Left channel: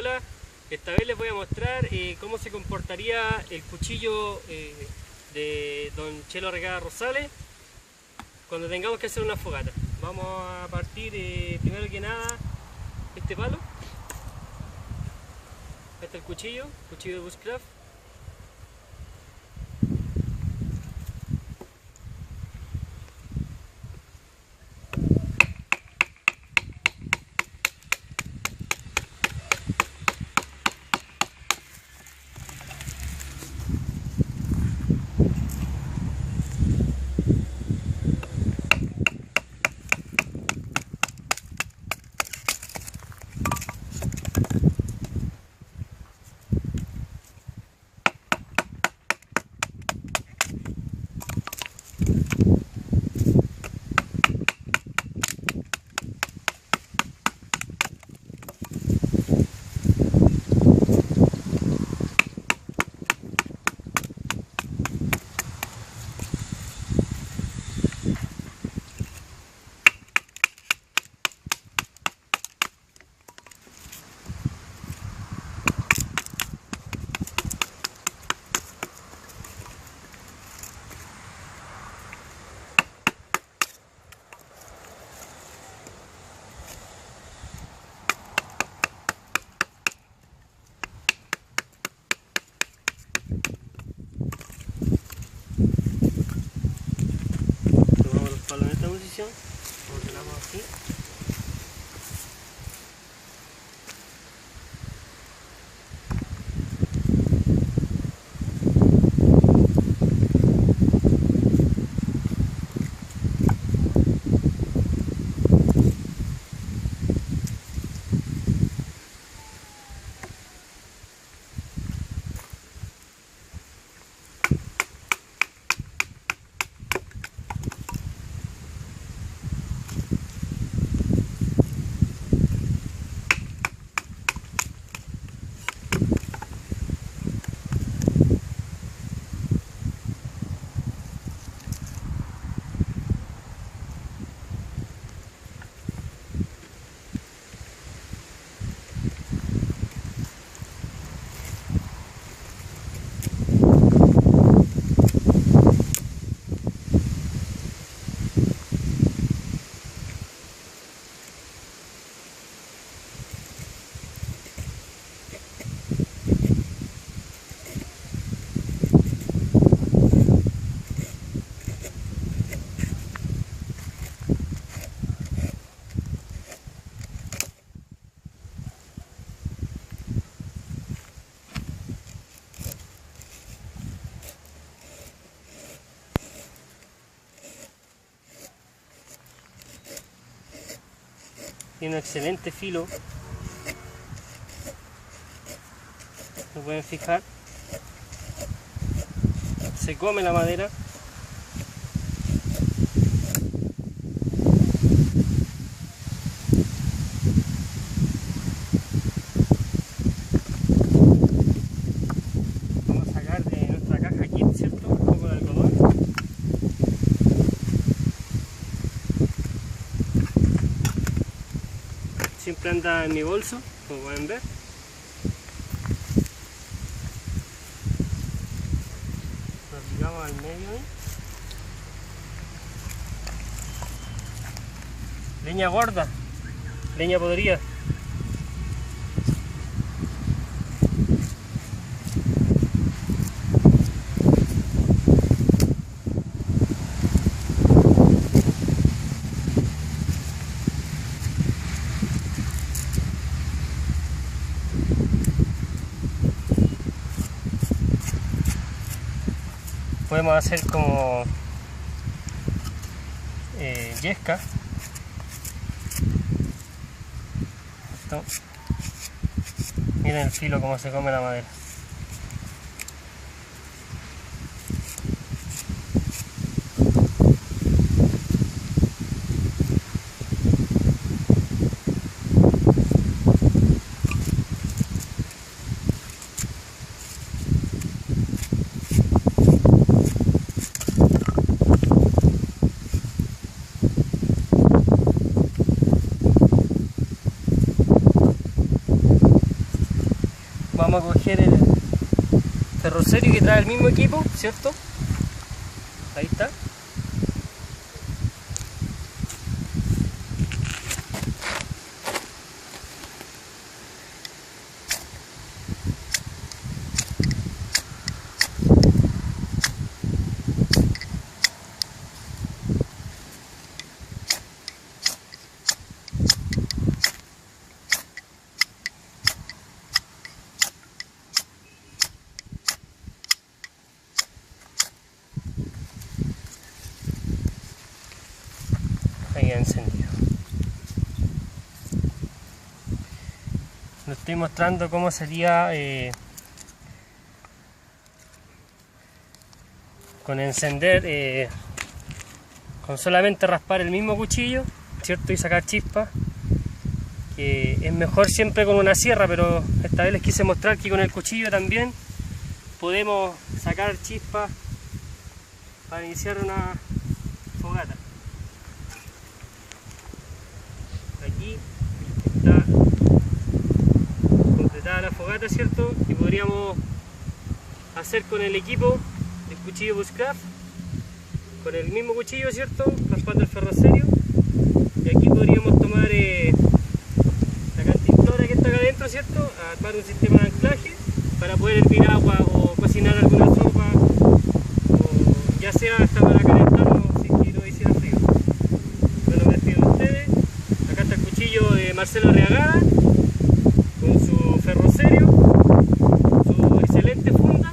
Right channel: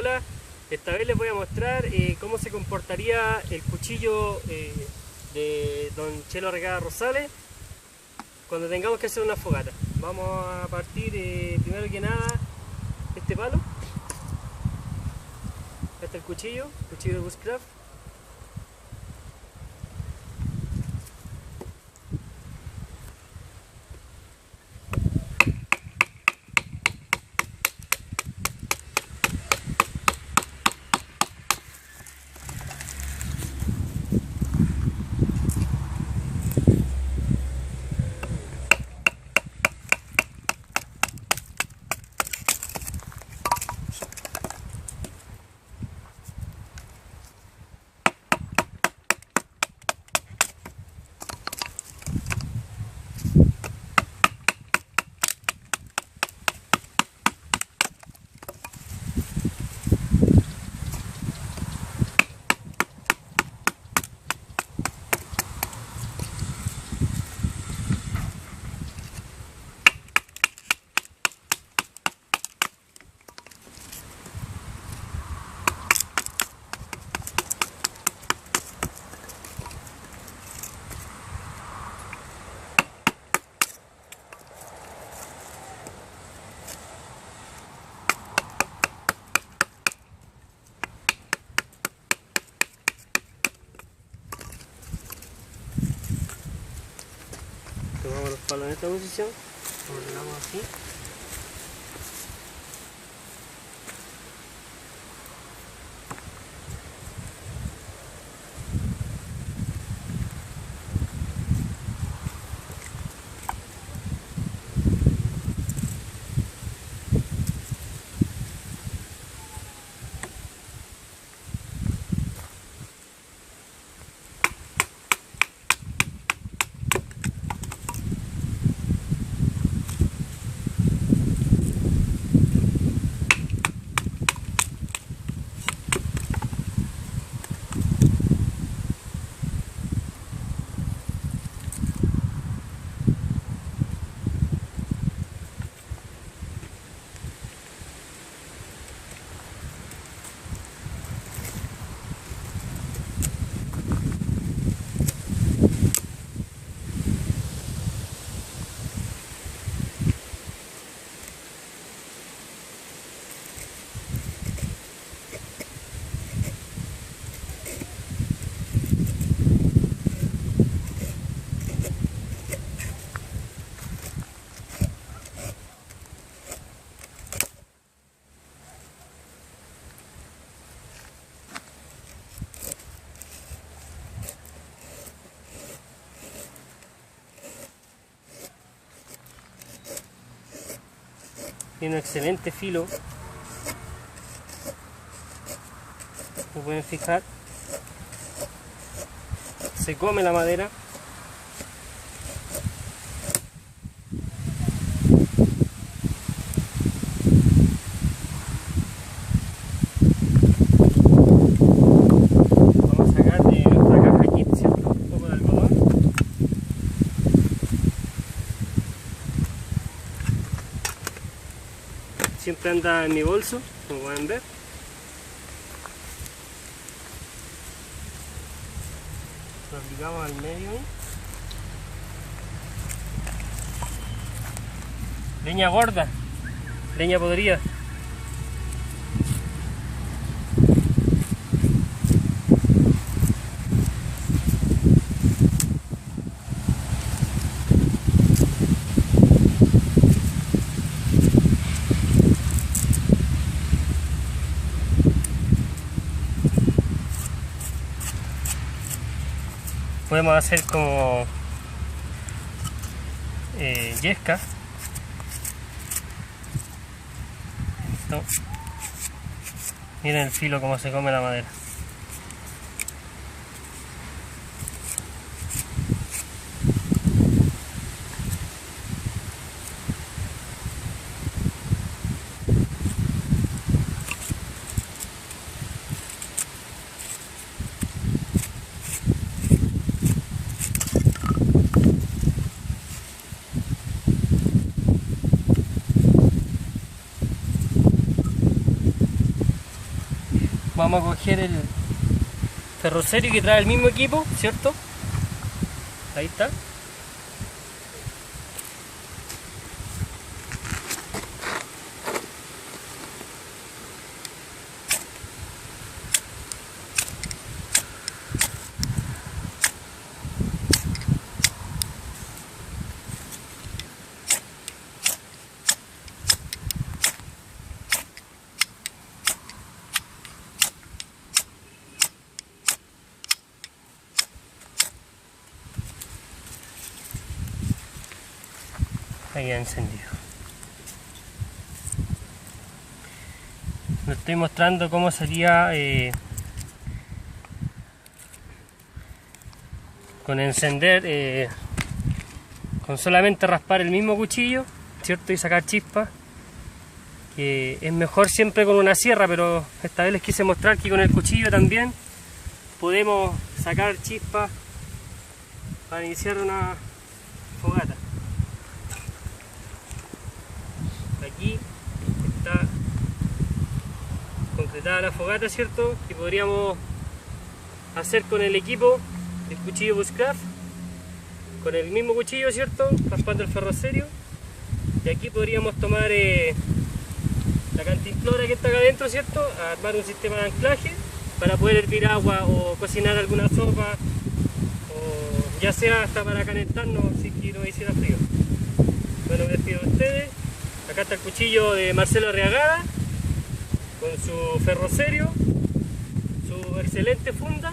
Hola, esta vez les voy a mostrar cómo se comportaría el cuchillo de Don Chelo Regada Rosales cuando tengamos que hacer una fogata. Vamos a partir primero que nada este palo. Este es el cuchillo de Bushcraft. Tomamos los palos en esta posición, lo ordenamos así. Tiene un excelente filo, como pueden fijar, se come la madera. Vamos a sacar de nuestra caja aquí, ¿cierto? Un poco de algodón. Siempre anda en mi bolso, como pueden ver. Lo aplicamos al medio ahí. Leña gorda, leña podrida. Podemos hacer como yesca. Esto. Miren el filo como se come la madera. vamos a coger el ferrocerio que trae el mismo equipo, ¿cierto? Ahí está. Ahí ha encendido. Les estoy mostrando cómo sería con encender, con solamente raspar el mismo cuchillo, ¿cierto? Y sacar chispas. Es mejor siempre con una sierra, pero esta vez les quise mostrar que con el cuchillo también podemos sacar chispas para iniciar una fogata. Aquí está concretada la fogata, ¿cierto? Que podríamos hacer con el equipo del cuchillo Bushcraft, con el mismo cuchillo, ¿cierto? Raspando el ferrocerio. Y aquí podríamos tomar la cantimplora que está acá adentro, ¿cierto? Armar un sistema de anclaje para poder hervir agua o cocinar alguna sopa, o ya sea hasta para calentarnos si quiero hiciera frío. Bueno, me despido de ustedes. Acá está el cuchillo de Marcelo Arriagada con su ferrocerio, su excelente funda.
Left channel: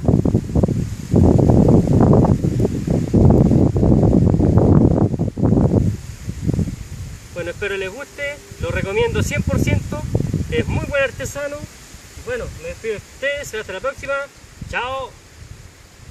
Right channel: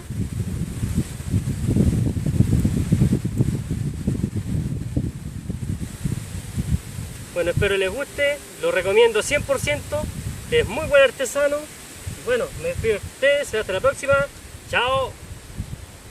Bueno, espero les guste, lo recomiendo 100%, es muy buen artesano. Y bueno, me despido de ustedes, hasta la próxima, chao.